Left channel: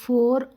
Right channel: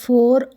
4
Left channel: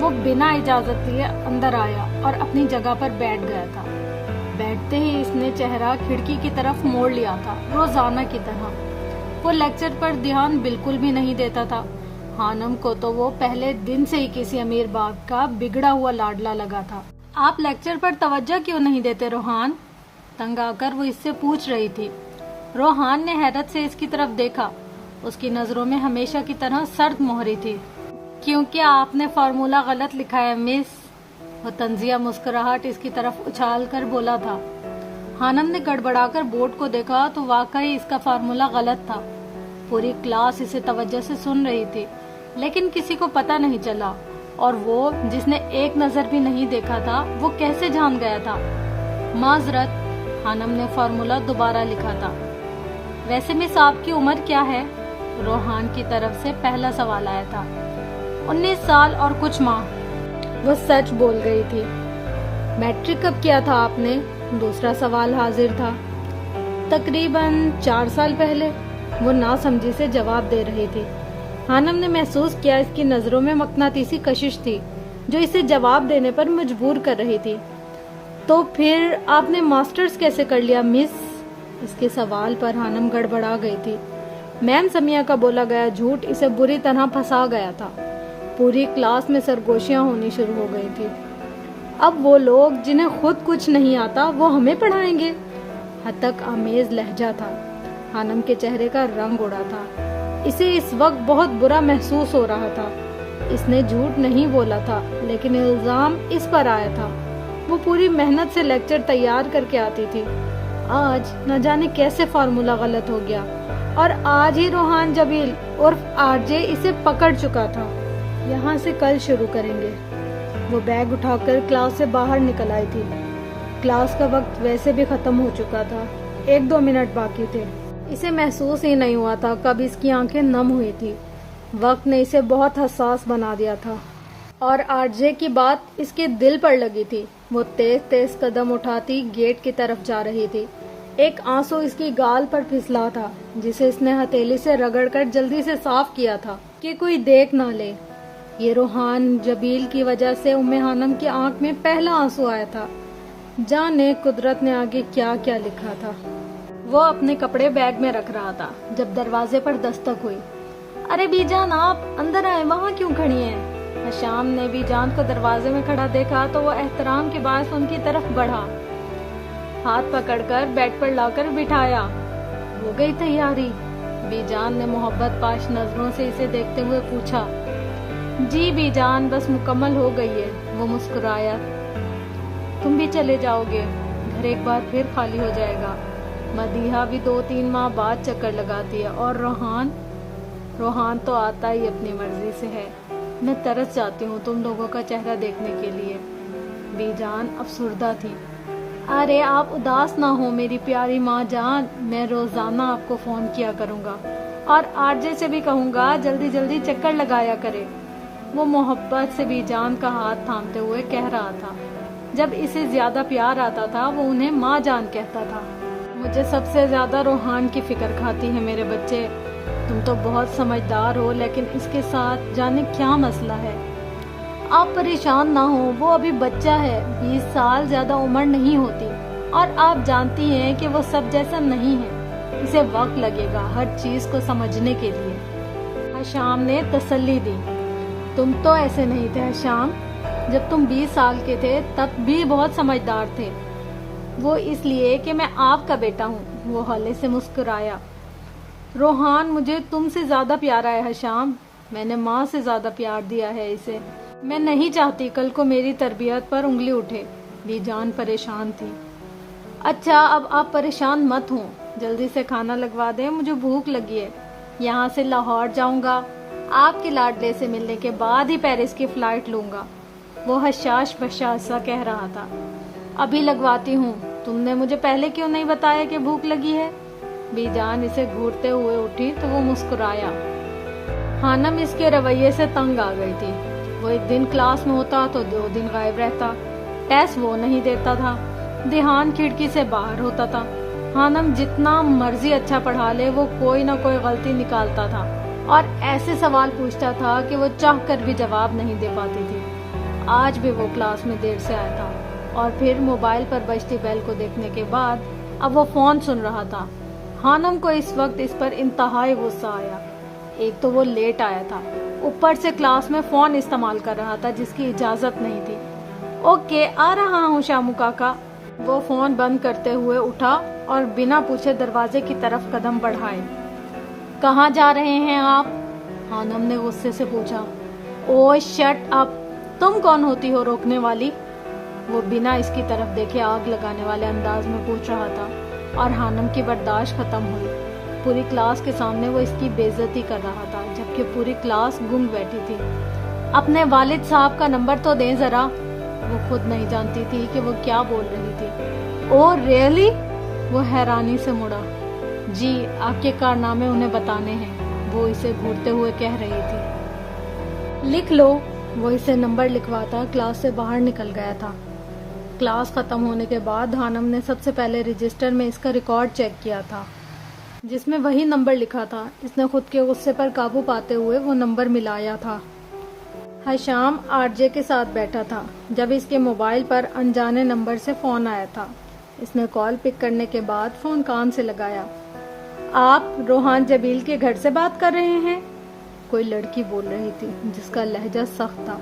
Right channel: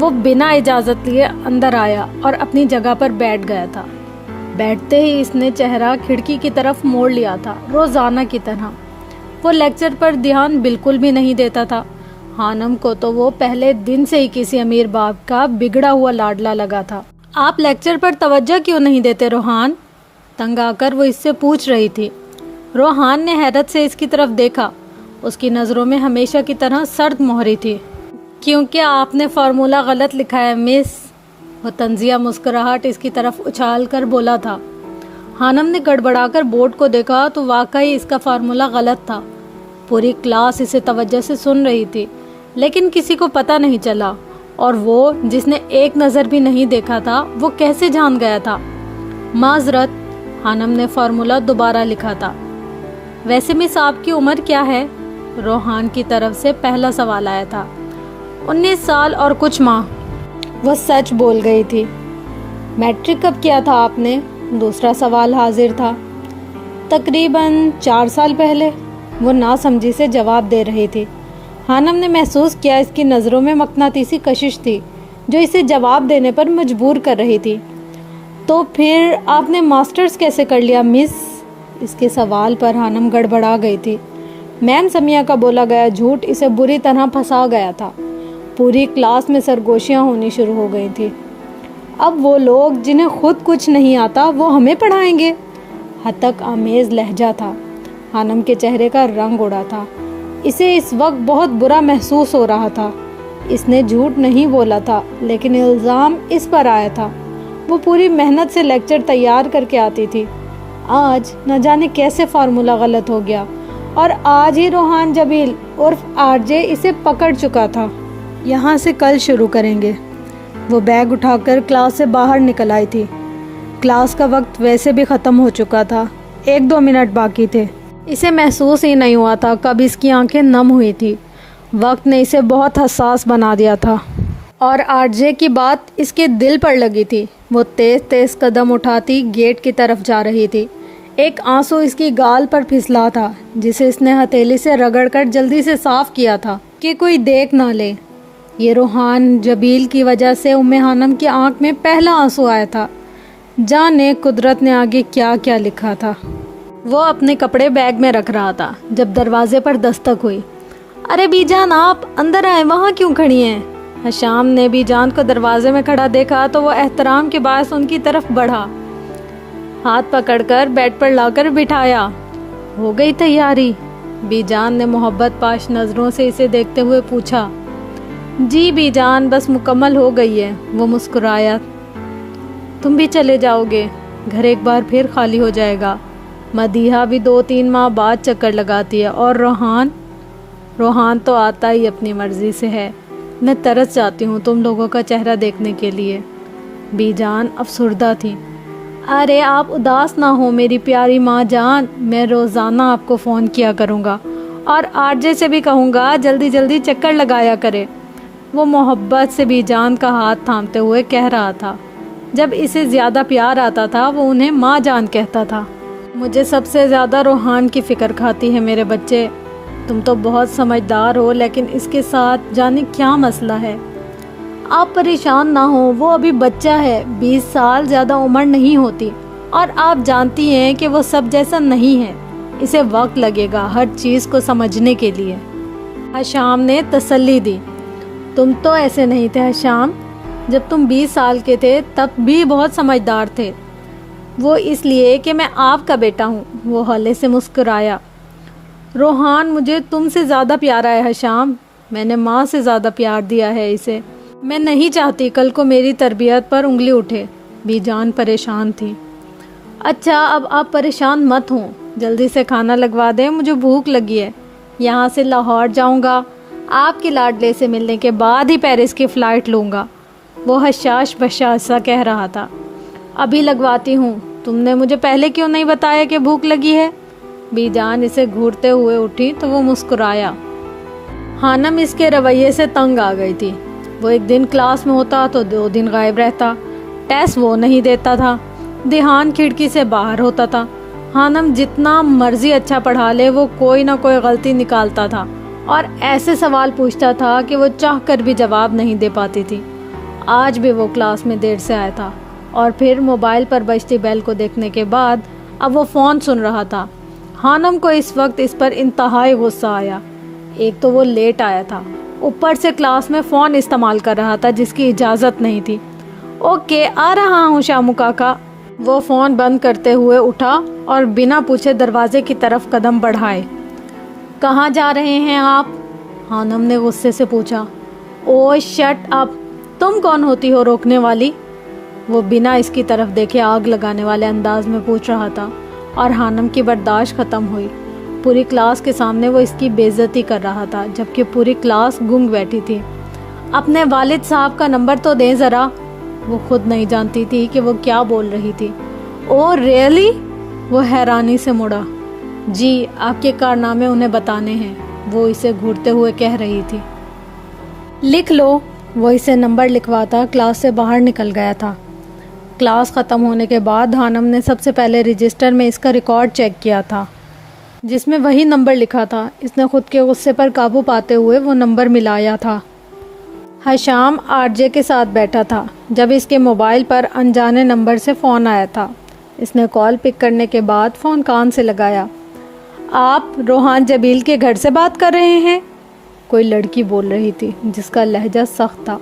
وہ بنا اجازت لیے اندر آیا اور اپنی جگہ پر بیٹھ گیا تھا۔ بیٹھتے ہی اس نے چہرہ کھڑکی کی طرف موڑ لیا تھا، روزانہ کی طرح۔ وہ لیکچر پر دھیان بالکل بھی نہیں دیتا تھا۔ خانم کو تو وہ پہلے دن سے ہی کسی امیر باپ کا بگڑا ہوا لاڈلا لگا تھا۔ آپ لیکچر پر توجہ کیوں نہیں دیتے روحان؟ تنگ آ کر وہ اس سے پوچھ رہی تھی۔ روحان نے حیرت سے اس کی طرف دیکھا۔ اس کی نظروں میں ہمیشہ کی طرح سرد مہری تھی۔ کیونکہ آپ نے فارمولہ غلط لکھا ہے مس۔ وہ طنزیہ مسکراہٹ اس کی طرف اچھال کر بولا تھا۔ خانم نے گڑبڑا کر بورڈ کو دیکھا تو واقعی اس کا فارمولہ غلط تھا۔ پوری کلاس اسے توجہ سے سن رہی تھی، لیکن کسی کو پتہ نہیں چلا، اور وہ جس نے ایک نظر بھی نہیں دیکھا تھا وہ کیسے جان گیا تھا؟ معذرت، خانم نے فارمولہ دوبارہ لکھا تھا۔ ویسے مس آپ کی عمر کیا ہے؟ روحان کی طرف سے پہلا سوال آیا تھا۔ 19 سال اور کچھ ماہ، وہ سچ بول گئی تھی۔ میٹرک کب کیا تھا آپ نے؟ دوسرا سوال حاضر تھا۔ تقریباً 4 سال پہلے، وہ ناسمجھی سے جواب دے رہی تھی۔ خانم نے محسوس کیا اس کی نظروں میں مقناطیسی کشش تھی جو اسے جواب دینے پر مجبور کر رہی تھی۔ تو پھر آپ نے ماسٹرز کیسے کر لیا مس؟ اس کے سوال پر خانم گڑبڑا گئی تھی۔ میم سمیہ کا بولا گیا جھوٹ اسے بری طرح پھنسا گیا تھا۔ پوری کلاس میں سرگوشیاں ہونی شروع ہو گئی تھی۔ اب وہ لوگ جنہیں خود کچھ نہیں آتا وہ ہمیں پڑھائیں گے؟ ہتک آمیز لہجہ تھا۔ خانم کے چہرے کا رنگ اڑا تھا۔ اسے اس وقت بہت برا محسوس ہو رہا تھا۔ اس نے جھوٹ نہیں بولا تھا، لیکن الزام اس پر آیا تھا۔ وہ پوری محنت سے لیکچر تیار کر کے آتی تھی۔ آج نہ جانے کیسے فارمولہ غلط ہو گیا، اور آج ہی روحان جبیل عرف RJ اسے پکڑ چکا تھا۔ یہاں سے کل شروع کریں گے۔ وہ بیگ اٹھا کر کلاس سے باہر نکل آئی تھی۔ کلاس کا وقت ویسے بھی ختم ہو چکا تھا، 1-2 منٹ باقی تھے۔ اسے محسوس ہی نہیں ہوا تھا کب اس کی آنکھیں نم ہوئی تھی۔ وقت نے اسے بہت حساس بنا دیا تھا، اور RJ کی بات اس کے دل پر لگی تھی۔ وہ تیز تیز قدم اٹھاتی گیٹ کی طرف جا رہی تھی۔ ایک آنسو اس کی گال پر پھسلا تھا، جسے اس نے ہتھیلی سے رگڑ کر جلدی سے صاف کیا تھا کہ کوئی دیکھ نہ لے۔ یہ روحان جبیل کی وجہ سے خانم کی آنکھ میں پہلا آنسو آیا تھا۔ جانے قدرت نے آگے کیا کیا لکھا تھا۔ وہ اپنے کپڑے بیگ میں رکھ رہا تھا جب دروازے پر دستک ہوئی۔ ارے بی جان، آپ اندر آئے، وہاں کیوں کھڑی ہیں؟ حشام نے بی جان کو دروازے میں کھڑا دیکھا تو وہ احترام کے باعث ان کی طرف بڑھا، ہاتھ پکڑ کر بیڈ پر لا کر بٹھایا۔ ہو گئی تیاری؟ بی جان نے محبت پاش نظروں سے اسے دیکھتے ہوئے پوچھا۔ جی بی جان، بس مکمل ہو گئی ہے، وہ مسکرایا۔ تم بھی چلے جاؤ گے؟ گھر ایک بار پھر خالی ہو جائے گا۔ مدیحہ بھی 2-3 ماہ بعد چکر لگاتی ہے، اور روحان تو آتا ہی اپنی مرضی سے ہے۔ میں ترس جاتی ہوں تم لوگوں کا چہرہ دیکھنے کے لیے۔ بی جان افسردہ تھی۔ ارے آپ اداس نہ ہو میری پیاری ماں جان، میں روزانہ آپ کو فون کیا کروں گا، اور RJ سے بھی کہوں گا جلدی جلدی چکر لگایا کرے۔ وہ محبت سے بی جان کا ہاتھ تھامتے ہوئے کہہ رہا تھا۔ جب اسے زیادہ پیار آتا تھا وہ انہیں ماں جان کہتا تھا۔ مجھے سب سے زیادہ روحان کی فکر کھاتی ہے میرے بچے۔ تم تو بہت سمجھدار ہو، لیکن اس کے ساتھ جانے کیا مسئلہ ہے۔ آپ پریشان نہ ہو، وہ ابھی بچہ ہے، 20 سال زیادہ عمر نہیں ہوتی، اور آپ جانتی ہیں کہ وہ سب جیسا نہیں ہے۔ اسے وقت لگے گا ہر چیز کو سمجھنے کے لیے۔ حشام نے تسلی دی۔ تم تو ایسے نہیں تھے حشام، جب تم 20 سال کے تھے تب بھی بہت سمجھدار تھے۔ وہ اس لیے کہ میں آپ کا بیٹا ہوں، وہ ہلے سے مسکرایا۔ روحان مجھے تم سے زیادہ پیارا ہے حشام، میں نے ماں سے زیادہ پیار دیا ہے اسے۔ میں نہیں چاہتی کل کو میری تربیت پر انگلی اٹھے۔ بی جان پریشان تھی۔ اچھا اب آپ پریشان مت ہوں، جلدی سے کھانا لگوا دیں، مجھے بھوک لگی ہے۔ یہاں سے لاہور جاؤں گا، آپ کے لاڈلے سے ملنے کے بعد ہی پیرس کی فلائٹ لوں گا، وہ حشاش بشاش سا کہہ رہا تھا۔ ابھی لگواتی ہوں، تم نے مجھے پہلے کیوں نہیں بتایا کہ بھوک لگی ہے؟ بی جان اسے گھورتے ہوئے اٹھی تو وہ مسکرایا۔ خانم اس کے رویے سے تنگ آ گئی تھی۔ وہ ایک دن کلاس میں ہوتا تو 2 دن غائب رہتا، ٹیسٹ وہ نہیں دیتا تھا، دھیان کھڑکی سے باہر ہوتا تھا۔ خانم جتنا مرضی اچھا پڑھا لے وہ کوئی نہ کوئی غلطی نکالتا تھا، اور ایسے سوال پوچھتا تھا کہ وہ چاہ کر بھی جواب نہیں دے پاتی تھی۔ آج بھی وہ کلاس میں دیر سے آیا تھا اور پھر موبائل پر بجتی بیل کو دیکھنے کے بعد اب وہ فون سن رہا تھا۔ خانم کو اس وقت اس پر انتہائی غصہ آیا۔ ایک تو وہ لیٹ آیا تھا، اوپر سے کلاس میں فون استعمال کر رہا تھا جس کی اجازت نہیں تھی۔ اوکے، آ رہا ہوں شامو کاکا۔ وہ فون بند کرتے ہوئے اٹھا اور بنا پوچھے دروازے کی طرف قدم بڑھائے۔ کہاں جا رہے ہیں آپ؟ خانم نے غصے سے پوچھا۔ او شٹ اپ، تم کون ہوتی ہو روکنے والی؟ وہ بنا اس کی طرف دیکھے آگ لگانے والے انداز میں پوچھ رہا تھا اور خانم کی برداشت ختم ہوئی۔ پوری کلاس کے سامنے وہ اس کی بے عزتی کر رہا تھا جبکہ پوری کلاس گنگ بیٹھی تھی۔ اپنے والد صاحب کا نمبر تو دیں ذرا۔ وہ خود نہیں جانتی تھی کہ وہ کیا بول رہی تھی۔ او ریئلی؟ وہ حیرانی سے مڑا۔ جی، آپ کے کارنامے انہیں بتانے ہیں، وہ اسے گھورتے ہوئے کہہ رہی تھی۔ لکھ لو۔ وہ اسے نمبر لکھواتا کلاس سے باہر نکل گیا تھا۔ کلاس ختم ہونے کے بعد خانم نے سب سے پہلے رجسٹر میں اس کا ریکارڈ چیک کیا تھا جس میں وہی نمبر لکھا تھا۔ اس نے خود کے غصے پر قابو پاتے ہوئے وہ نمبر ملایا تھا۔ حشام RJ کے ساتھ بیٹھا تھا جب اس کے موبائل پر انجانے نمبر سے فون آیا تھا۔ اس نے کال پک کرنے کے بعد فون کان سے لگایا۔ آپ روحان جبیل کے گھر سے بات کر رہے ہیں؟ کوئی لڑکی بول رہی تھی جس کا لہجہ سخت تھا۔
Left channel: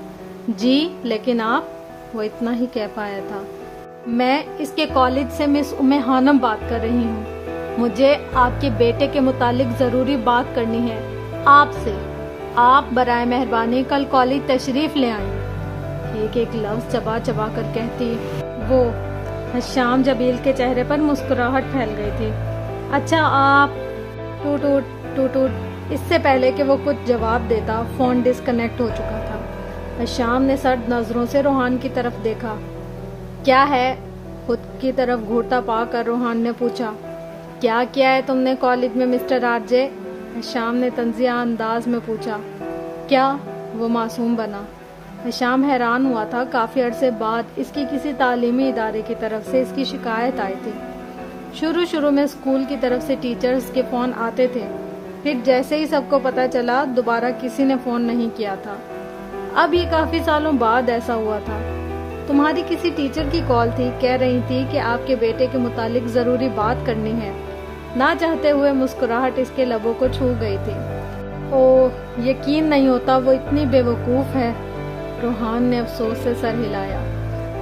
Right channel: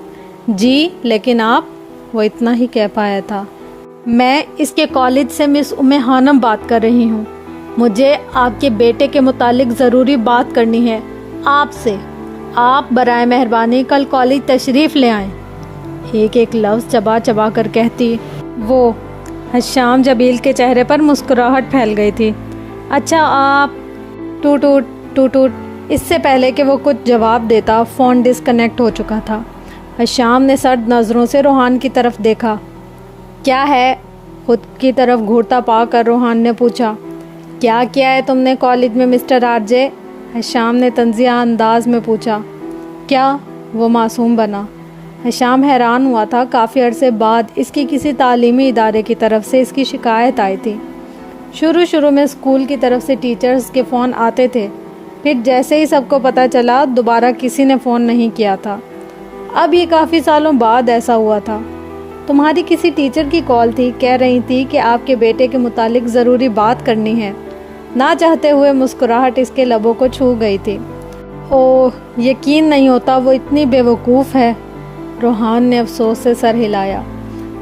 جی، لیکن آپ؟ وہ اتنا ہی کہہ پایا تھا۔ میں اس کے کالج سے مس خانم بات کر رہی ہوں۔ مجھے آپ کے بیٹے کے متعلق ضروری بات کرنی ہے آپ سے۔ آپ برائے مہربانی کل کالج تشریف لے آئیں۔ ایک لفظ چبا چبا کر کہتی وہ حشام جبیل کے چہرے پر مسکراہٹ پھیل گئی تھی۔ اچھا آپ ٹوٹ اس سے پہلے کہ وہ کچھ جواب دیتا فون ڈسکنیکٹ ہو چکا تھا۔ حشام نے سرد نظروں سے روحان کی طرف دیکھا۔ کیا ہے؟ خود کی طرف گھورتا پا کر روحان نے پوچھا۔ کیا کیا ہے تم نے کالج میں مسٹر RJ؟ حشام نے طنزیہ انداز میں پوچھا۔ کیا؟ وہ معصوم بنا۔ حشام حیران ہوا تھا۔ کافی عرصے بعد اس کی کسی تعلیمی ادارے کی طرف سے اس کی شکایت آئی تھی۔ شروع میں اسکول کی طرف سے ٹیچرز کے فون آتے تھے، پھر جیسے ہی سب کو پتہ چلا دوبارہ کسی نے فون نہیں کیا تھا۔ اب یہ کافی سالوں بعد ایسا ہوا تھا۔ تمہاری کسی ٹیچر کی کال تھی، کہہ رہی تھی کہ آپ کے بیٹے کے متعلق ضروری بات کرنی ہے۔ نہ چاہتے ہوئے مسکراہٹ اس کے لبوں کو چھو گئی تھی۔ اوہ، یقین نہیں ہوتا وہ اتنی بے وقوف ہے۔ روحان نے افسوس سے سر ہلایا۔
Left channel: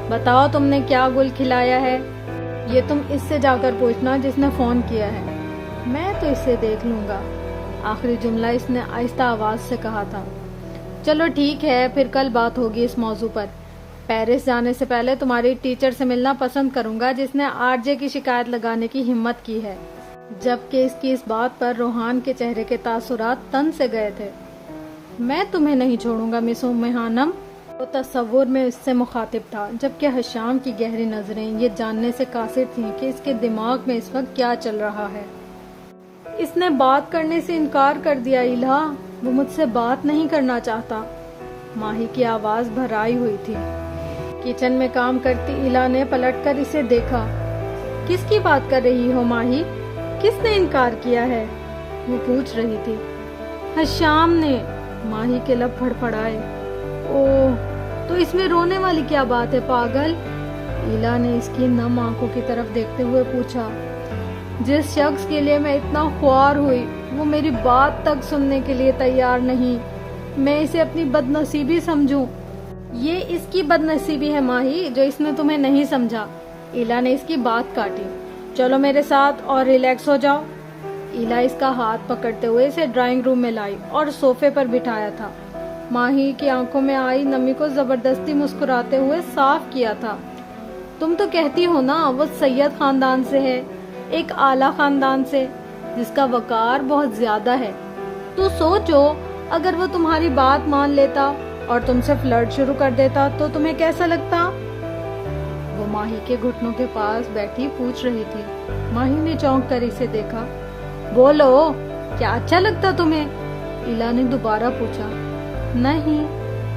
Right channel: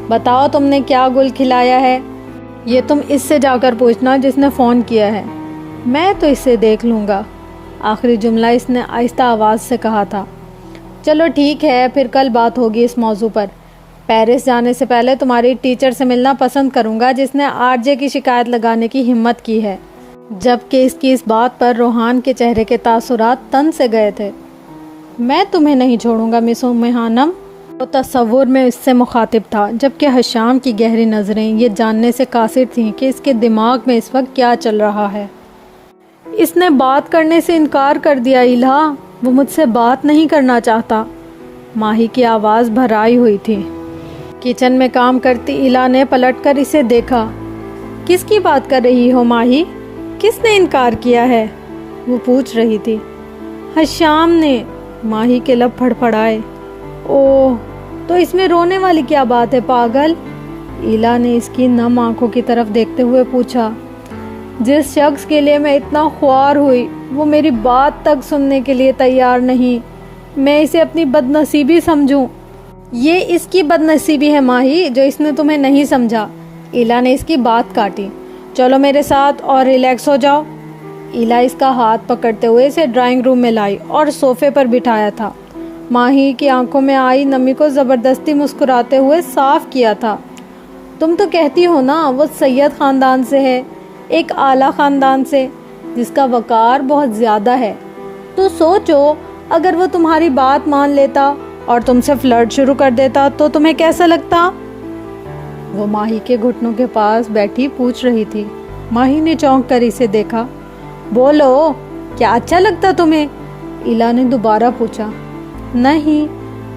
بتاؤ تم نے کیا گل کھلایا ہے؟ یہ تم اس سے جا کر پوچھنا جس نے فون کیا ہے۔ میں تو اسے دیکھ لوں گا۔ آخری جملہ اس نے آہستہ آواز سے کہا تھا۔ چلو ٹھیک ہے، پھر کل بات ہوگی اس موضوع پر۔ پیرس جانے سے پہلے تمہاری ٹیچر سے ملنا پسند کروں گا جس نے RJ کی شکایت لگانے کی ہمت کی ہے۔ جبکہ اس کی اس بات پر روحان کے چہرے کے تاثرات تن سے گئے تھے۔ میں تمہیں نہیں چھوڑوں گا مس خانم۔ وہ تصور میں اس سے مخاطب تھا جبکہ حشام کی گہری نظریں یہ جاننے سے قاصر تھیں کہ اس کے دماغ میں اس وقت کیا چل رہا ہے۔ اس نے بات کرنے سے انکار کر دیا الہا، وہ مجھ سے بات نہیں کرنا چاہتا۔ ماہی کی آواز بھرائی ہوئی تھی۔ کچن میں کام کرتی الہا نے پلٹ کر اسے دیکھا۔ کس کی بات کر رہی ہو ماہی؟ کس نے انکار کیا ہے؟ وہ پوچھ رہی تھی۔ حشام نے۔ ماہی کے لب پھڑپھڑائے۔ اوہ، تو اس میں رونے والی کیا بات ہے پاگل؟ الہا نے اس کی نم آنکھوں کی طرف دیکھتے ہوئے پوچھا۔ جس شخص کے لیے میں اتنا خوار ہوئی وہ میری بات تک سننے کے لیے تیار نہیں۔ میں اسے اپنی بد نصیبی سمجھوں؟ یہ اس کی بد نصیبی ہے ماہی جو اس نے تمہیں نہیں سمجھا۔ الہا نے اس کی بات کاٹی۔ چلو میرے ساتھ اور ریلیکس ہو جاؤ۔ الہا اس کا ہاتھ پکڑتے ہوئے اسے ڈرائنگ روم میں لائی اور صوفے پر بٹھایا تھا۔ ماہی کی آنکھوں میں آئی نمی کو زبردستی مسکراتے ہوئے صاف کیا تھا۔ تم تو کہتی ہو نا وہ سید خاندان سے ہے، ایک اعلیٰ خاندان سے جس کا وقار بہت زیادہ ہے۔ تو سوچو اگر وہ تمہاری بات مان لیتا اور تم سے فلرٹ شروع کر دیتا تو تمہیں کیسا لگتا؟ وہ ماہی کے گھٹنوں کے پاس بیٹھی پوچھ رہی تھی۔ ماہی نے چونک کر اسے دیکھا۔ بولو، کیا اچھا لگتا تمہیں؟ الہا نے دوبارہ پوچھا۔ نہیں،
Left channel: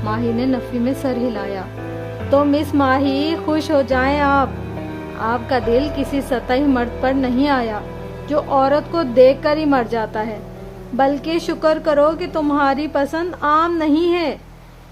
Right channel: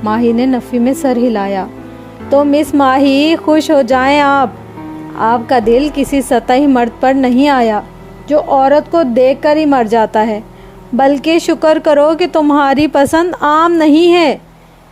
ماہی نے نفی میں سر ہلایا۔ تو مس ماہی خوش ہو جائیں آپ کا دل کسی سطحی مرد پر نہیں آیا جو عورت کو دیکھ کر ہی مر جاتا ہے، بلکہ شکر کرو کہ تمہاری پسند عام نہیں ہے۔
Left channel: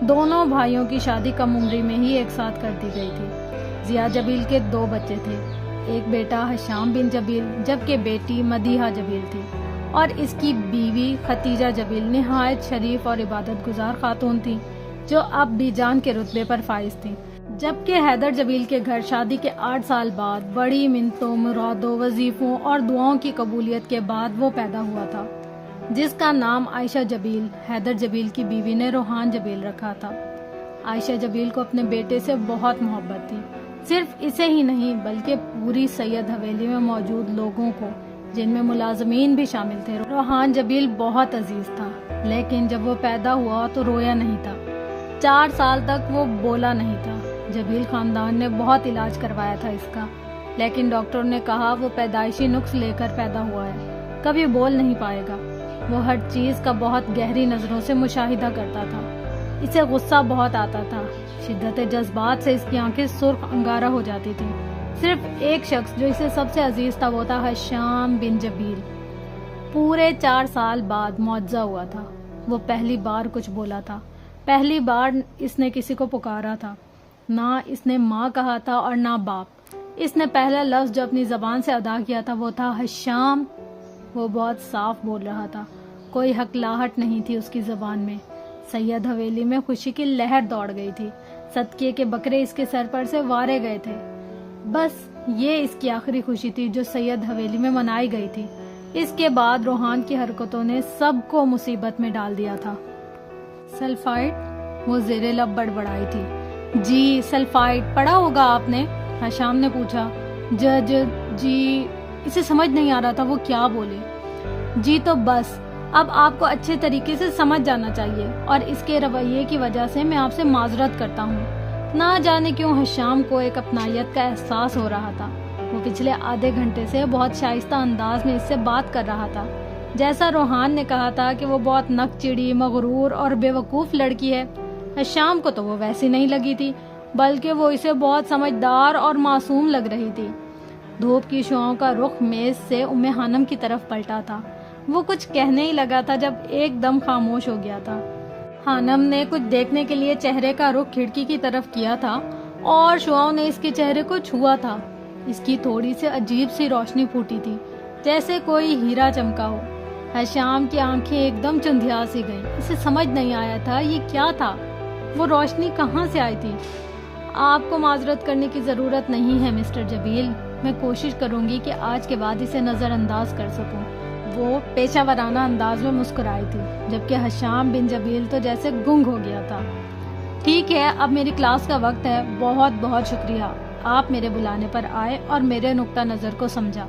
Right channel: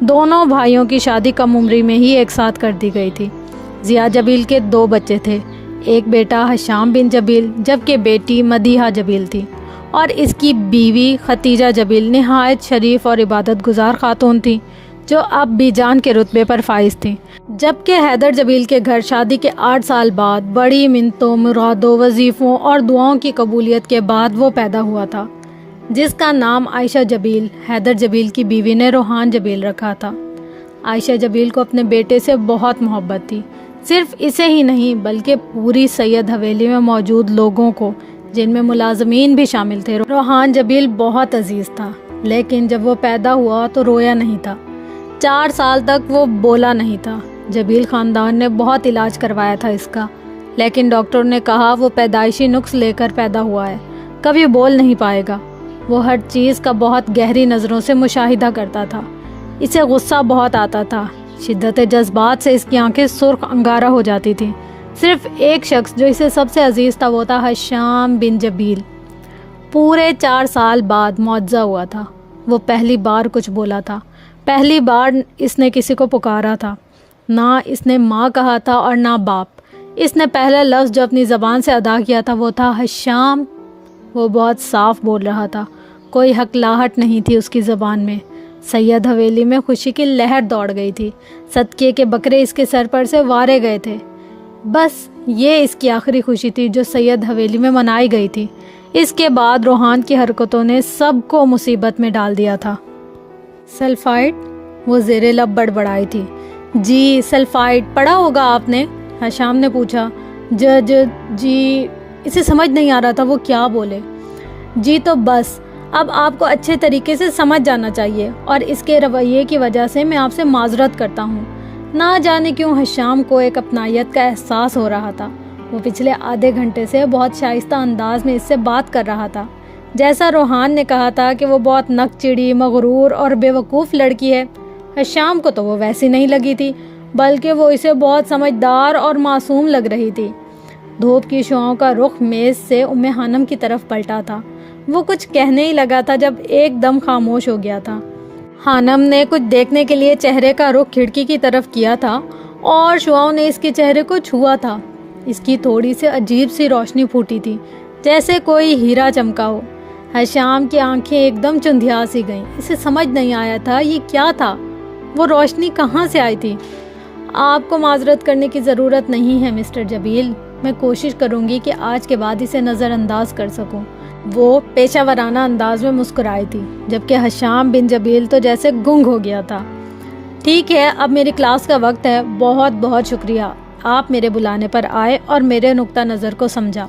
دونوں بھائیوں کی شادی کم عمری میں ہی ایک ساتھ کر دی گئی تھی۔ ضیاء جبیل کے 2 بچے تھے، ایک بیٹا حشام بن جبیل جبکہ بیٹی مدیحہ جبیل تھی، اور اس کی بیوی ختیجہ جبیل نہایت شریف اور عبادت گزار خاتون تھی جو اب بھی جان کے رتبے پر فائز تھی۔ جبکہ حیدر جبیل کے گھر شادی کے 8 سال بعد بڑی منتوں، مرادوں، وظیفوں اور دعاؤں کی قبولیت کے بعد وہ پیدا ہوا تھا، جس کا نام عائشہ جبیل حیدر جبیل کی بیوی نے روحان جبیل رکھا تھا۔ عائشہ جبیل کو اپنے بیٹے سے بہت محبت تھی، صرف اسے ہی نہیں بلکہ پوری سید حویلی میں موجود لوگوں کو، جن میں ملازمین بھی شامل تھے۔ روحان جبیل بہت عزیز تھا، لیکن جب وہ پیدا ہوا تو رویا نہیں تھا۔ 4 سال تک وہ بولا نہیں تھا۔ جبیل خاندان نے بہت علاج کروایا تھا اس کا، لیکن ڈاکٹر نے کہا وہ پیدائشی نقص لے کر پیدا ہوا ہے، کبھی بول نہیں پائے گا۔ وہ ہر چیز کا بہت گہری نظروں سے مشاہدہ کرتا تھا، اسے غصہ بہت آتا تھا، شدت جذبات سے اس کی آنکھیں سرخ انگارہ ہو جاتی تھیں۔ صرف ایک شخص جو اسے سب سے عزیز تھا وہ تھا حشام بن جبیل۔ پورے 4 سال بعد معجزہ ہوا تھا، وہ پہلی بار کچھ بولا تھا، پہلی بار اس نے کسی کو پکارا تھا۔ نہ اس نے ماں کہا تھا اور نہ باپ۔ اس نے پہلا لفظ جو اپنی زبان سے ادا کیا تھا وہ تھا حشام۔ وہ بہت صاف بول رہا تھا، کوئی ہکلاہٹ نہیں تھی اس کی زبان میں۔ سید حویلی میں خوشی کی لہر دوڑ گئی تھی، صدقے کے بکرے اس کے سر پر سے وارے گئے تھے۔ بس یہ اس کی آخری خوشی تھی جو سید حویلی میں منائی گئی تھی۔ اس کے بعد روحان کی حرکتوں نے سب کو مصیبت میں ڈال دیا تھا۔ سلفائڈ؟ وہ زیر لب بڑبڑائی تھی۔ جی سلفائڈ پڑھا ہوگا آپ نے؟ حشام نے پوچھا۔ جی اسے سمجھ نہیں آ رہا تھا وہ کیا بولے۔ جی تو بس اب آپ کو اچھے طریقے سے سمجھ جانا چاہیے، اور اس کے رویے کی وجہ سے میں آپ سے معذرت کرتا ہوں۔ نہ جانے کیوں حشام کو ایک اپنائیت کا احساس ہو رہا تھا۔ وہ پچھلے آدھے گھنٹے سے بہت شائستہ انداز میں اس سے بات کر رہا تھا، جیسا روحان نے کہا تھا کہ وہ بہت نک چڑی، مغرور اور بے وقوف لڑکی ہے۔ حشام کو تو وہ ویسی نہیں لگی تھی، بلکہ وہ اسے بہت سمجھدار اور معصوم لگ رہی تھی۔ دھوپ کی شعاؤں کا رخ میز سے خانم کی طرف پلٹا تھا۔ وہ کچھ کہنے ہی لگا تھا جب ایک دم خاموش ہو گیا تھا۔ خانم نے کچھ دیکھنے کے لیے چہرے کا رخ کھڑکی کی طرف کیا تھا اور شعاؤں نے اس کے چہرے کو چھوا تھا۔ اس کی تھوڑی سی عجیب سی روشنی پھوٹی تھی، جیسے کوئی ہیرا چمکا ہو۔ حشام کی آنکھیں ایک دم چندھیا سی گئیں، اسے سمجھ نہیں آیا تھا یہ کیا تھا، وہ روشنی کہاں سے آئی تھی۔ آپ کو معذرت کرنے کی ضرورت نہیں ہے مسٹر جبیل، میں کوشش کروں گی کہ آج کے بعد اسے نظر انداز کر سکوں۔ وہ پیشہ ورانہ انداز میں مسکرائی تھی، جبکہ حشام بن جبیل تو جیسے گنگ ہو گیا تھا۔ ٹھیک ہے، اب میری کلاس کا وقت ہے، بہت بہت شکریہ، آپ میرے بلانے پر آئے اور میرے نقطہ نظر کو سمجھا۔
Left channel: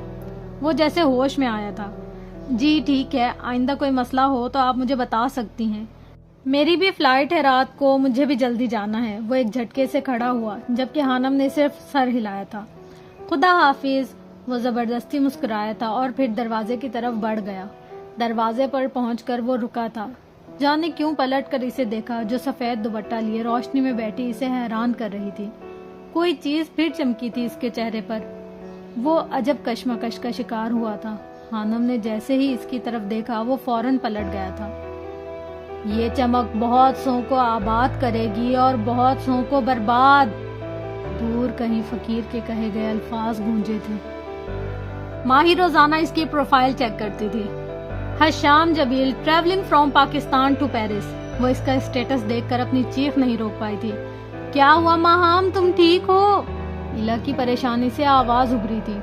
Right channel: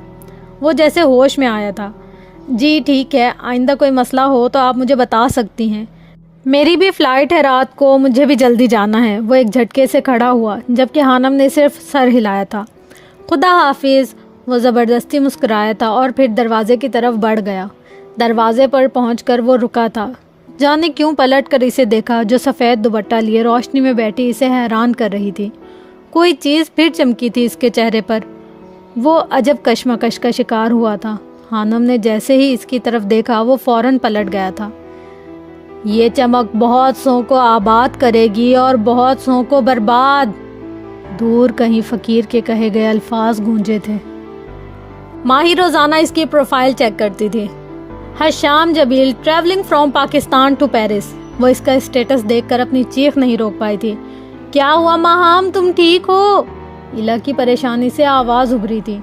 وہ جیسے ہوش میں آیا تھا۔ جی ٹھیک ہے، آئندہ کوئی مسئلہ ہو تو آپ مجھے بتا سکتی ہیں، میری بھی فلائٹ ہے رات کو، مجھے بھی جلدی جانا ہے۔ وہ ایک جھٹکے سے کھڑا ہوا، جبکہ خانم نے صرف سر ہلایا تھا۔ خدا حافظ، وہ زبردستی مسکرایا تھا اور پھر دروازے کی طرف بڑھ گیا۔ دروازے پر پہنچ کر وہ رکا تھا، جانے کیوں پلٹ کر اسے دیکھا جو سفید دوپٹہ لیے روشنی میں بیٹھی اسے حیران کر رہی تھی۔ کوئی چیز پھر چمکی تھی اس کے چہرے پر۔ وہ عجب کشمکش کا شکار ہوا تھا۔ خانم نے جیسے ہی اس کی طرف دیکھا وہ فوراً پلٹ گیا تھا۔ یہ چمک بہت سو کو آباد کرے گی اور بہت سو کو برباد، دور کہیں فقیر کے کہے گئے الفاظ گونجے تھے۔ ماہی روزانہ اس کی پروفائل چیک کرتی تھی۔ Hisham Jabeel travelling from Pakistan to Paris. وہ اس کا اسٹیٹس دیکھ کر اپنی چیخ نہیں روک پائی تھی۔ کیا ہوا ماہام، تم ٹھیک ہو؟ ایلا کی پریشانی سے آواز ابھری تھی۔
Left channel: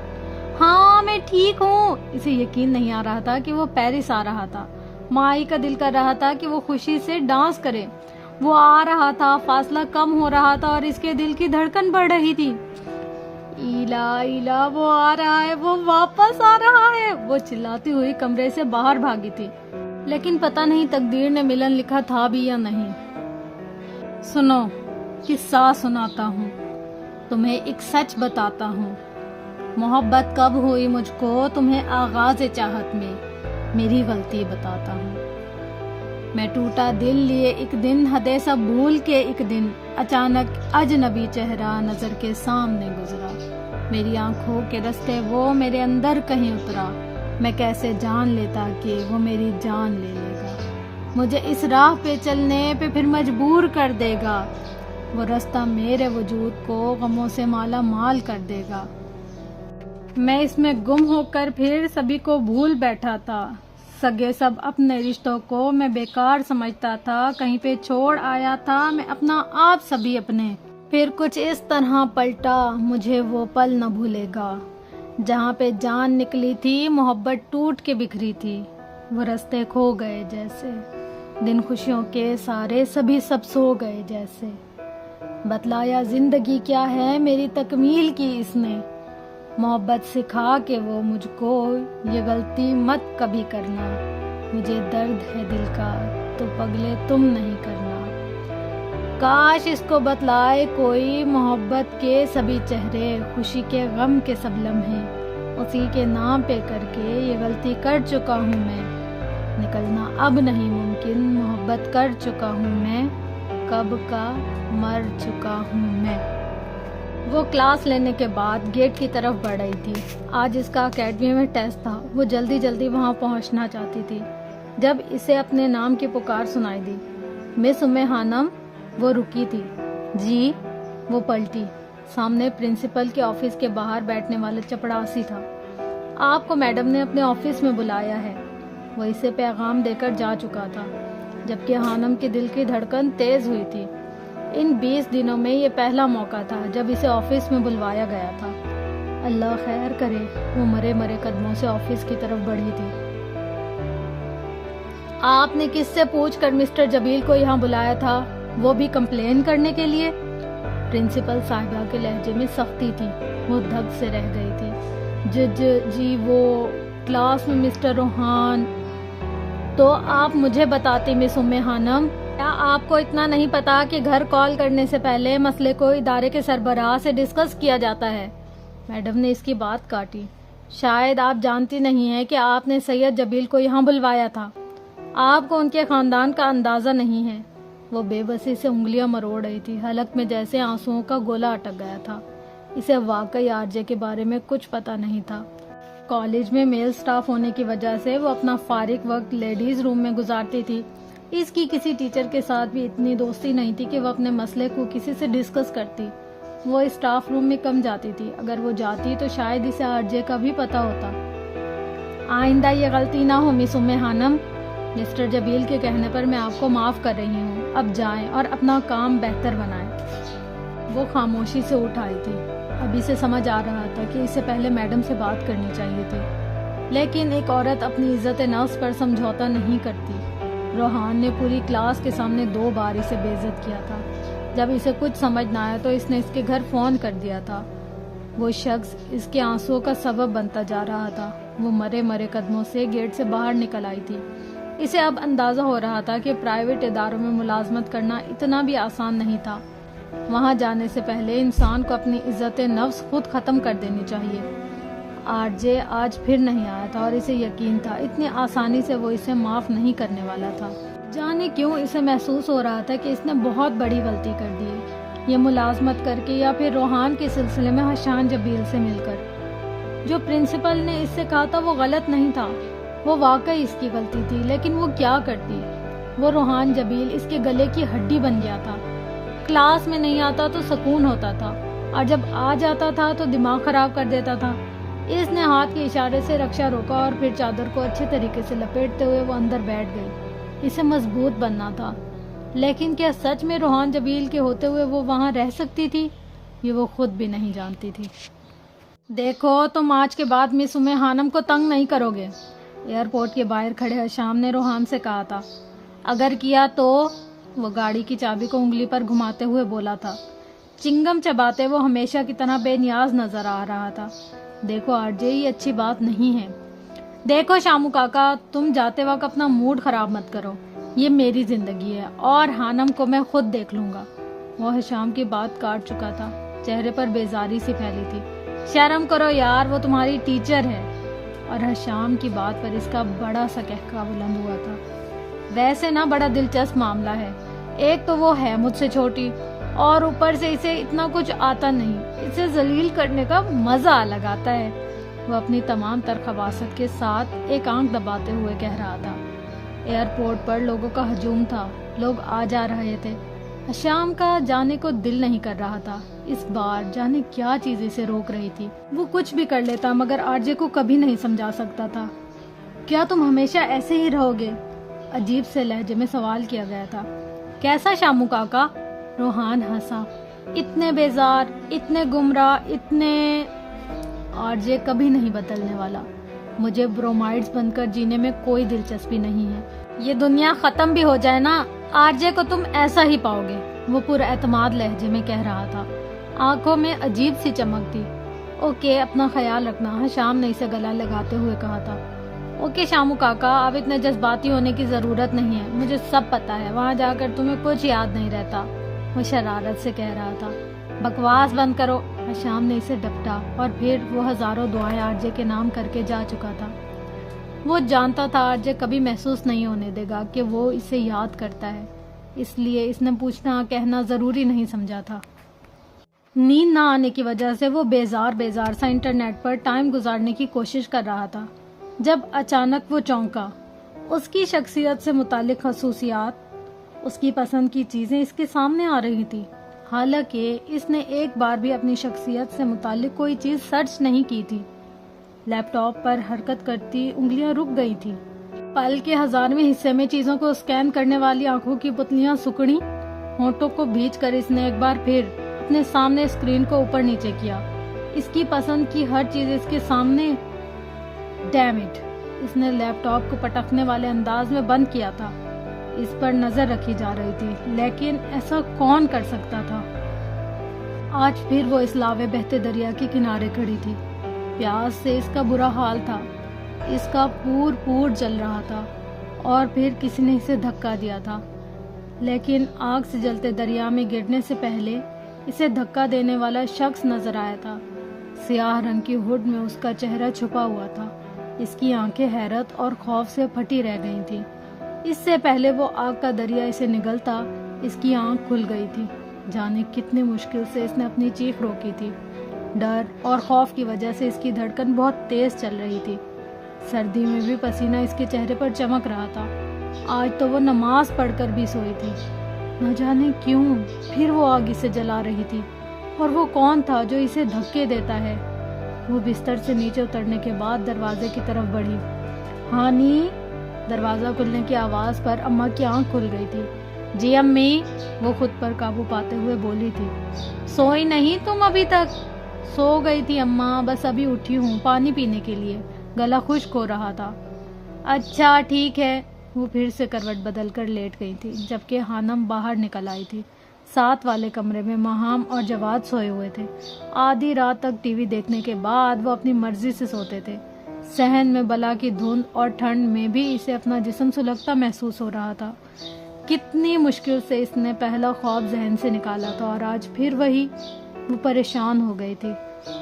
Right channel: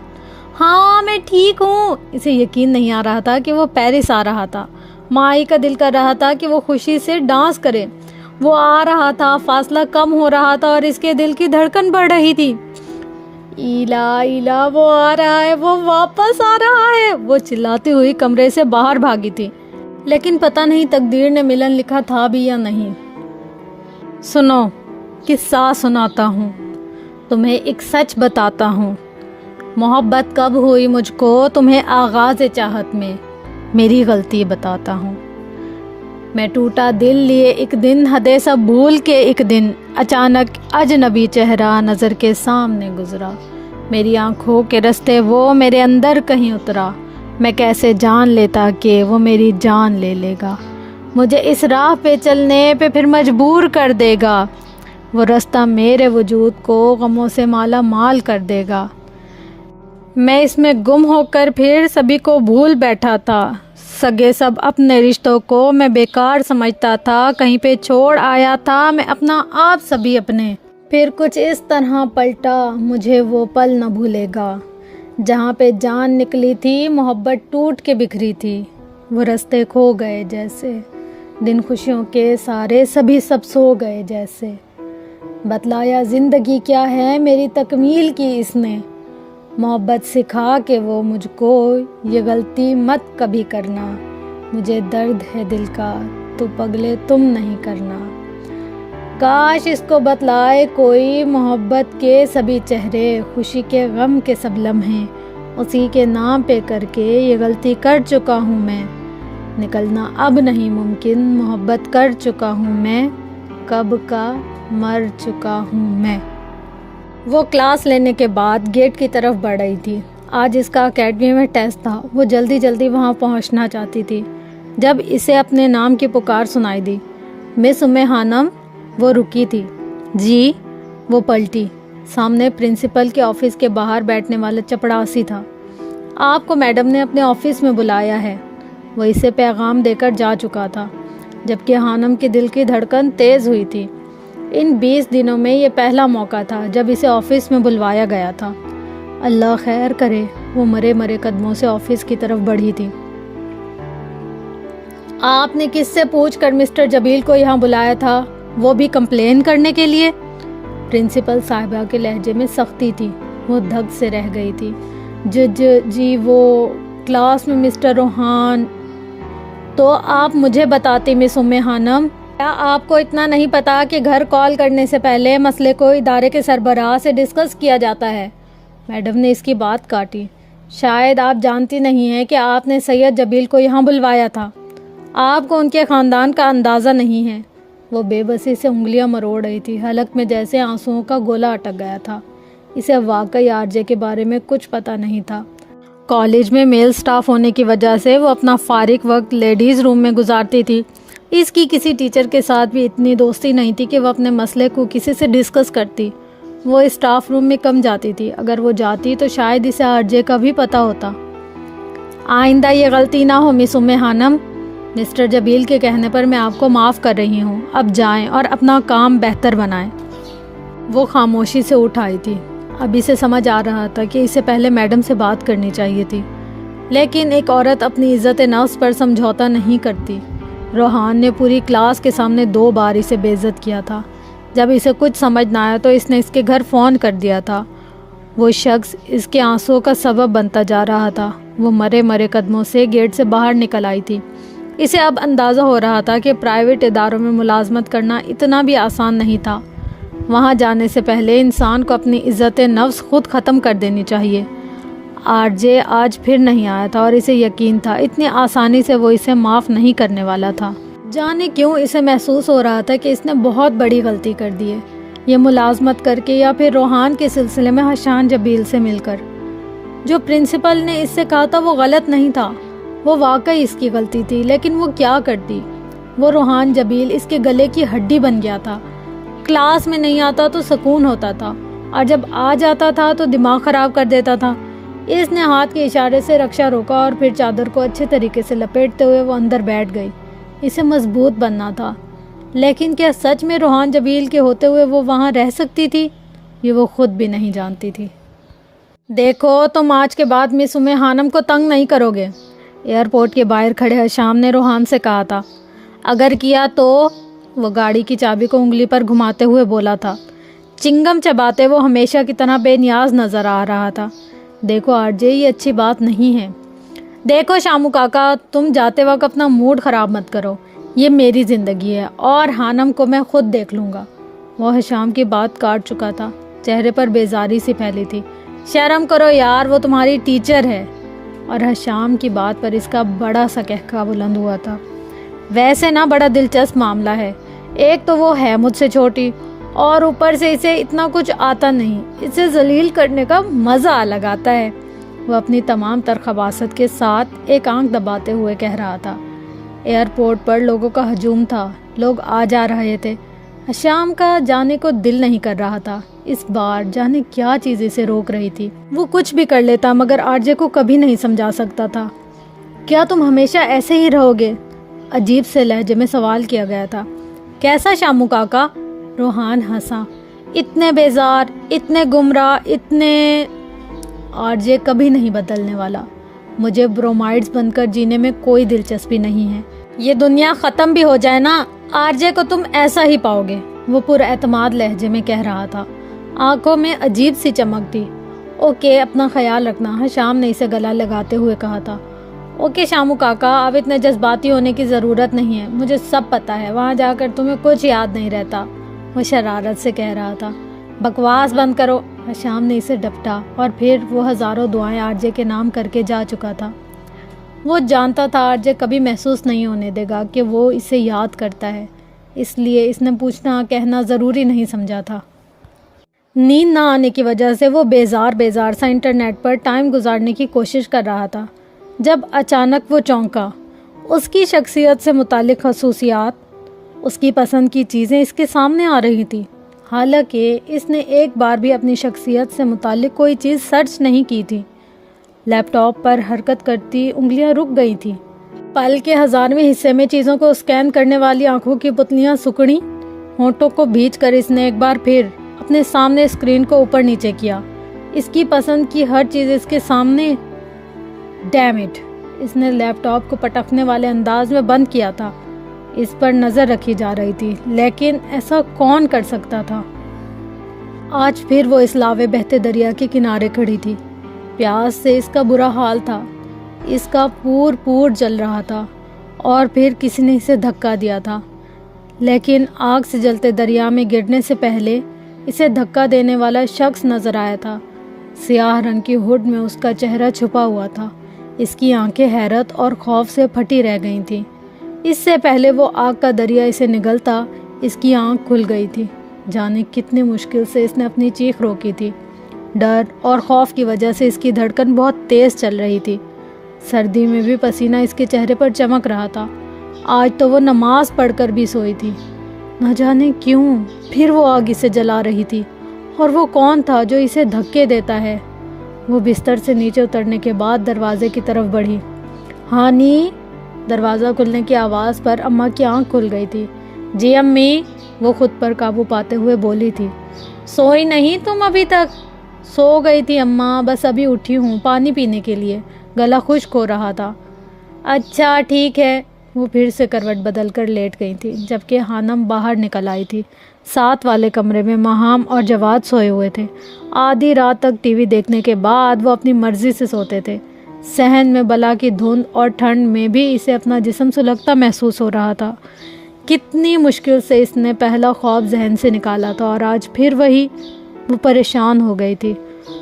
ہاں میں ٹھیک ہوں۔ اسے یقین نہیں آ رہا تھا کہ وہ پیرس آ رہا تھا۔ ماہی کا دل کر رہا تھا کہ وہ خوشی سے ڈانس کرے۔ وہ آ رہا تھا، فاصلہ کم ہو رہا تھا اور اس کے دل کی دھڑکن بڑھ رہی تھی۔ ایلا وہ آ رہا ہے، وہ واپس آ رہا ہے، وہ چلاتی ہوئی کمرے سے باہر بھاگی تھی۔ لیکن پتہ نہیں تقدیر نے ملن لکھا تھا بھی یا نہیں۔ سنو، قصہ سناتا ہوں، تمہیں ایک سچ بتاتا ہوں۔ محبت کب ہوئی مجھ کو تمہیں آغاز چاہت میں، میری غلطی بتاتا ہوں۔ میں ٹوٹا دل لیے ایک دن، حدیں سب بھول کے ایک دن، اچانک اجنبی چہرہ نظر کے سامنے گزرا۔ میری آنکھوں کے رستے وہ میرے اندر کہیں اترا۔ میں کیسے جان لیتا کہ وہ میری جان لے لے گا۔ مجھے اس راہ پہ چلنے پہ پھر مجبور کر دے گا۔ وہ رستہ میرے وجود کو غموں سے مالا مال کر دے گا۔ میں اس میں گم ہو کر پھر سبھی کو بھول بیٹھا تھا۔ سگے سب اپنے رشتوں کو میں بیکار سمجھتا تھا، کہیں پہ چھوڑ آیا تھا میں اپنا آپ سبھی اپنے۔ پھر کچھ اس طرح پلٹا، مجھے وہ پل نہ بھولے گا جہاں پہ جان نکلی تھی، محبت ٹوٹ کے بکھری تھی۔ وہ رستے کھو گئے جیسے، دن خوشیوں کے سارے سبھی سب سو گئے جیسے۔ بتلایا زندگی کیا ہے میری تکمیل کی اس نے، محبت سکھا کے وہ مجھ کو یہ غلطی مت کبھی کرنا۔ مجھے درد ہے دل کا تو پگلے تم نہیں کرنا۔ کاش اس کو بتلائے کوئی محبت کے سبھی چہرے، خوشی کے غم کے سب لمحے اسی کے نام پہ کر کے یہ غلطی کر چکا ہوں میں۔ نکلنا اب نہیں ممکن، محبت کر چکا ہوں میں، کب کا مر چکا ہوں میں۔ وہ کلاس لینے کے بعد گیٹ کی طرف بڑھ رہی تھی۔ آج اس کا اکیڈمی میں ٹیسٹ تھا۔ وہ جلدی جلدی وہاں پہنچنا چاہتی تھی جب اسے اپنے نام کی پکار سنائی دی۔ مس خانم۔ وہ رکی تھی۔ جی۔ وہ پلٹی۔ سامنے پرنسپل کے آفس کے باہر بیٹھنے والا چپڑاسی تھا۔ آپ کو میڈم نے اپنے آفس میں بلایا ہے۔ وہ اسے پیغام دے کر جا چکا تھا، جبکہ خانم کے دل کی دھڑکن تیز ہوئی تھی۔ ان 20 دنوں میں یہ پہلا موقع تھا جب اسے آفس میں بلوایا گیا تھا۔ اللہ خیر کرے، وہ مرے مرے قدموں سے آفس کی طرف بڑھی تھی۔ آپ نے کس سے پوچھ کر مسٹر جبیل کو یہاں بلایا تھا، وہ بھی کمپلین کرنے کے لیے؟ پرنسپل صاحبہ کے لہجے میں سختی تھی۔ وہ دھک سے رہ گئی تھی۔ جی وہ کلاس میں مسٹر روحان۔ تو آپ مجھے بتاتی مس خانم، کیا آپ کو اتنا نہیں پتا کہ گھر کال کرنے سے پہلے مسئلے کو ادارے کے سربراہ سے ڈسکس کیا جاتا ہے؟ میڈم نے اس کی بات کاٹی۔ شاید آپ جانتی نہیں ہیں کہ آپ نے سید جبیل کو یہاں بلوایا تھا۔ آپ کو ان کے خاندان کا اندازہ نہیں ہے۔ وہ بے بسی سے انگلیاں مروڑ رہی تھی، حلق میں جیسے آنسوؤں کا گولا اٹک گیا تھا۔ اسے واقعی آرجے کے بارے میں کچھ پتا نہیں تھا۔ کالج میں میل سٹاف ہونے کی وجہ سے وہ اپنا فارغ وقت لیڈیز روم میں گزارتی تھی۔ اس کی کسی ٹیچر کے ساتھ بھی اتنی دوستی نہیں تھی کہ وہ اپنے مسئلے کو کسی سے ڈسکس کرتی۔ وہ اسٹاف روم میں کم جاتی تھی، اگر وہ جاتی تو شاید اسے آرجے کا بھی پتا ہوتا۔ آئندہ یہ غلطی نہ ہو مس خانم، مسٹر جبیل کے کہنے پر میں آپ کو معاف کر رہی ہوں۔ اب جائیں اور اپنا کام بہتر بنائیں۔ وہ خاموشی سے اٹھ آئی تھی۔ اب اسے سمجھ آ رہا تھا کہ اسے پہلے میڈم سے بات کرنی چاہیے تھی، لیکن ایک عورت اپنی عزت نفس پر سمجھوتا نہیں کرتی۔ روحان نے پوری کلاس کے سامنے 2 بار اسے بے عزت کیا تھا۔ جب اسے کچھ سمجھ نہ آیا تو اس نے اس کے گھر فون کر دیا تھا۔ وہ شخص اس کے آنسوؤں کا سبب بنتا جا رہا تھا۔ وہ مرے مرے قدموں سے گیٹ سے باہر نکل آئی تھی۔ اسے اب اندازہ ہو رہا تھا کہ پرائیویٹ اداروں میں ملازمت کرنا اتنا بھی آسان نہیں تھا۔ وہاں جانے سے پہلے انسان کو اپنی عزت نفس خود ختم کر دینی چاہیے۔ آرجے آج پھر نہیں آیا تھا اور اسے یقین تھا اتنی آسانی سے وہ اسے معاف نہیں کرنے والا تھا۔ جانے کیوں اسے محسوس ہو رہا تھا کہ اس نے بہت بڑی غلطی کر دی ہے، یہ ملازمت کر کے یا پھر روحان کے سلسلے میں حسان جبیل سے مل کر۔ جو پرنسپل نے اس سے کہا تھا وہ غلط نہیں تھا، وہ واقعی اس کی غلطی تھی، لیکن وہ کیا کرتی؟ وہ روحان جبیل اس کے گلے کی ہڈی بن گیا تھا۔ کلاس میں نہیں آتا تو سکون ہوتا تھا، اور جب آ جاتا تھا تو دماغ خراب کر دیتا تھا۔ اس نے ہاتھ کے اشارے سے رکشا روکا اور پھر چادر کو اچھے طریقے سے لپیٹتے ہوئے وہ اندر بیٹھ گئی۔ اسے مضبوط بننا تھا، لیکن کیا سچ میں روحان جبیل کے ہوتے ہوئے وہ وہاں رہ سکتی تھی؟ یہ وہ خود بھی نہیں جانتی تھی۔ دیکھو تم آج کے بعد مس خانم کو تنگ نہیں کرو گے، ایئرپورٹ کے باہر کھڑے حشام نے روحان سے کہا تھا۔ اگر کیا تو؟ وہ گاڑی کی چابی کو انگلی پر گھماتے ہوئے بولا تھا۔ چنگم چباتے وہ ہمیشہ کی طرح بے نیاز نظر آ رہا تھا۔ دیکھو آرجے، یہ اچھی بات نہیں ہے۔ دیکھو شامو کاکا، تم جاتے وقت اپنا موڈ خراب مت کرو، یہ میری زندگی ہے اور خانم کو میں خود دیکھ لوں گا۔ وہ حشام کی بات کاٹ چکا تھا، چہرے پر بیزاری سی پھیلی تھی۔ شرم کرو یار، وہ تمہاری ٹیچر ہے۔ اور حشام کی بات پر اس کا بڑا سا قہقہ بلند ہوا تھا۔ ویسے نا بڑا دلچسپ معاملہ ہے، ایک تو وہ ہے مجھ سے چھوٹی اور اوپر سے اسے اتنا کچھ آتا نہیں، اسے ذلیل کرنے کا مزہ الگ آتا ہے۔ وہ اپنی تمام تر خباثت کے ساتھ ایک آنکھ دباتے ہوئے کہہ رہا تھا۔ ایئرپورٹ پر لوگوں کا ہجوم تھا، لوگ آ جا رہے تھے۔ شام کا جانے کو دل نہیں کر رہا تھا۔ اس بار جانے کیا چیز اسے روک رہی تھی۔ وہ کچھ بھی کر لیتا مگر آرجے کو کبھی نہیں سمجھا سکتا تھا۔ کیا تم ہمیشہ ایسے ہی رہو گے؟ عجیب سے لہجے میں سوال کیا گیا تھا۔ کیسا شامو کاکا؟ روحان ہنسا۔ اتنے بیزار، اتنے گمراہ، اتنے… آرجے کبھی نہیں بدلنے والا۔ مجھے برومائڈز بن کر جینے میں کوئی دلچسپی نہیں ہے۔ یہ دنیا ختم بھی ہو جائے نا، آرجے کو تم ایسا ہی پاؤ گے، وہ پر اعتماد لہجے میں کہہ رہا تھا۔ آنکھوں میں عجیب سی چمک تھی۔ اوکے، اپنا خیال رکھنا، شام نے اسے گلا لگاتے ہوئے کہا تھا۔ اوکے شامو کاکا، اب اتنے جذباتی ہونے کی ضرورت نہیں ہے، مجھے سب پتا ہے، وہاں جا کر تمہیں کچھ یاد نہیں رہتا، وہ شرارت سے کہہ رہا تھا۔ بکواس بند کرو، شام نے اسے ڈپٹا، اور پھر وہ ہزاروں دعائیں آرجے کے نام کر کے جا چکا تھا۔ وہ جانتا تھا آرجے کبھی محسوس نہیں ہونے دے گا کہ وہ اسے یاد کرتا ہے، اس لیے اس نے پوچھنا کہنا ضروری نہیں سمجھا تھا۔ نیند نہ آنے کی وجہ سے وہ بیزار سا انٹرنیٹ پر ٹائم گزارنے کی کوشش کر رہا تھا، جب اچانک وہ چونکا۔ اس کی شخصیت سے متعلق خصوصیات، اس کی پسند کی چیزیں اس کے سامنے آ رہی تھی، حالانکہ اس نے ایک بار بھی اپنی شخصیت سے متعلق کوئی چیز سرچ نہیں کی تھی۔ لیپ ٹاپ پر حرکت کرتی انگلیاں رک گئی تھی۔ پل کے 1000ویں حصے میں چیزوں کو اسکین کرنے والی آنکھوں کی پتلیاں سکڑیں، ہونٹوں کو بھینچ کر اس نے ایک بار پھر اپنے سامنے اسکرین کو اوپر نیچے کیا۔ اس کی پسند کی ہر چیز اس کے سامنے۔ ڈیم اٹ، اس نے لیپ ٹاپ کو پٹکنے والے انداز میں بند کیا تھا۔ اس پر نظر رکھی جا رہی تھی، لیکن ایسا کون کر سکتا تھا؟ آج پھر وہ اس لاوے بہتے دریا کے کنارے کھڑی تھی۔ پیاس سے اس کا برا حال تھا، اس کا پور جل رہا تھا، اور پھر کسی نے اسے دھکا دیا تھا، لیکن آگ سے جلتے دریا میں گرنے سے پہلے اسے دھکا دینے والا شخص نظر آیا تھا۔ سیاہ رنگ کی ہڈ میں اس کا چہرہ چھپا ہوا تھا۔ اس کی آنکھیں حیرت اور خوف سے پھٹی رہ گئی تھیں۔ اس سے پہلے وہ آگ کا دریا اسے نگلتا، اس کی آنکھ کھل گئی تھی۔ جانے کتنی مشکل سے اس نے اپنی چیخ روکی تھی۔ ڈر اور خوف کی وجہ سے اس کی دھڑکن بہت تیز چل رہی تھی۔ سردی میں بھی پسینہ اس کے چہرے پر چمک رہا تھا۔ آج تو وہ نماز پڑھ کر بھی سوئی تھی۔ نہ جانے کیوں پھر وہ آگ اسے جلا رہی تھی، اور وہ کون تھا جو اسے دھکے دیتا ہے؟ وہ بستر سے نیچے اترنے کے بعد دروازے کی طرف بڑھی۔ ہانی، دروازہ کھلنے کی آواز پر اماں کی آنکھ کھل گئی تھی۔ جی امی، وہ خود پر قابو پاتے ہوئے بولی تھی۔ سوئی نہیں تم ابھی تک؟ سو گئی تھی اماں، بس ابھی اٹھی ہوں پانی پینے کے لیے، گلا خشک ہو رہا تھا۔ اچھا ٹھیک ہے، وہ پھر سے کروٹ بدل کر لیٹ گئی تھی، جبکہ ہانم باہر نکل آئی تھی۔ ساتھ والے کمرے میں ماہام اور جواد سوئے ہوئے تھے۔ آدھی رات تک ٹی وی دیکھنے کے بعد وہ اپنی مرضی سے سوتے تھے۔ صحن میں بلا کی دھند اور ٹھنڈ میں بھی اسے اپنا جسم سلگتا محسوس ہو رہا تھا۔ کتنی مشکل سے اس نے پہلا خواب ذہن سے نکالا تھا، اور آج پھر وہی۔ وہ پریشان ہو گئی تھی۔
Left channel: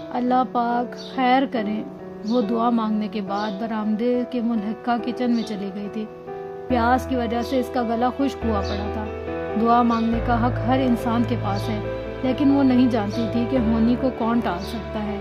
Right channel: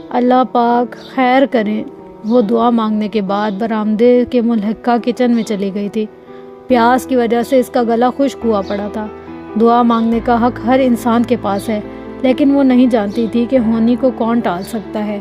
اللہ پاک خیر کریں، وہ دعا مانگنے کے بعد برآمدے کے ملحقہ کچن میں چلی گئی تھی۔ پیاس کی وجہ سے اس کا گلا خشک ہوا پڑا تھا۔ دعا مانگنے کا حق ہر انسان کے پاس ہے، لیکن وہ نہیں جانتی تھی کہ ہونی کو کون ٹال سکتا ہے۔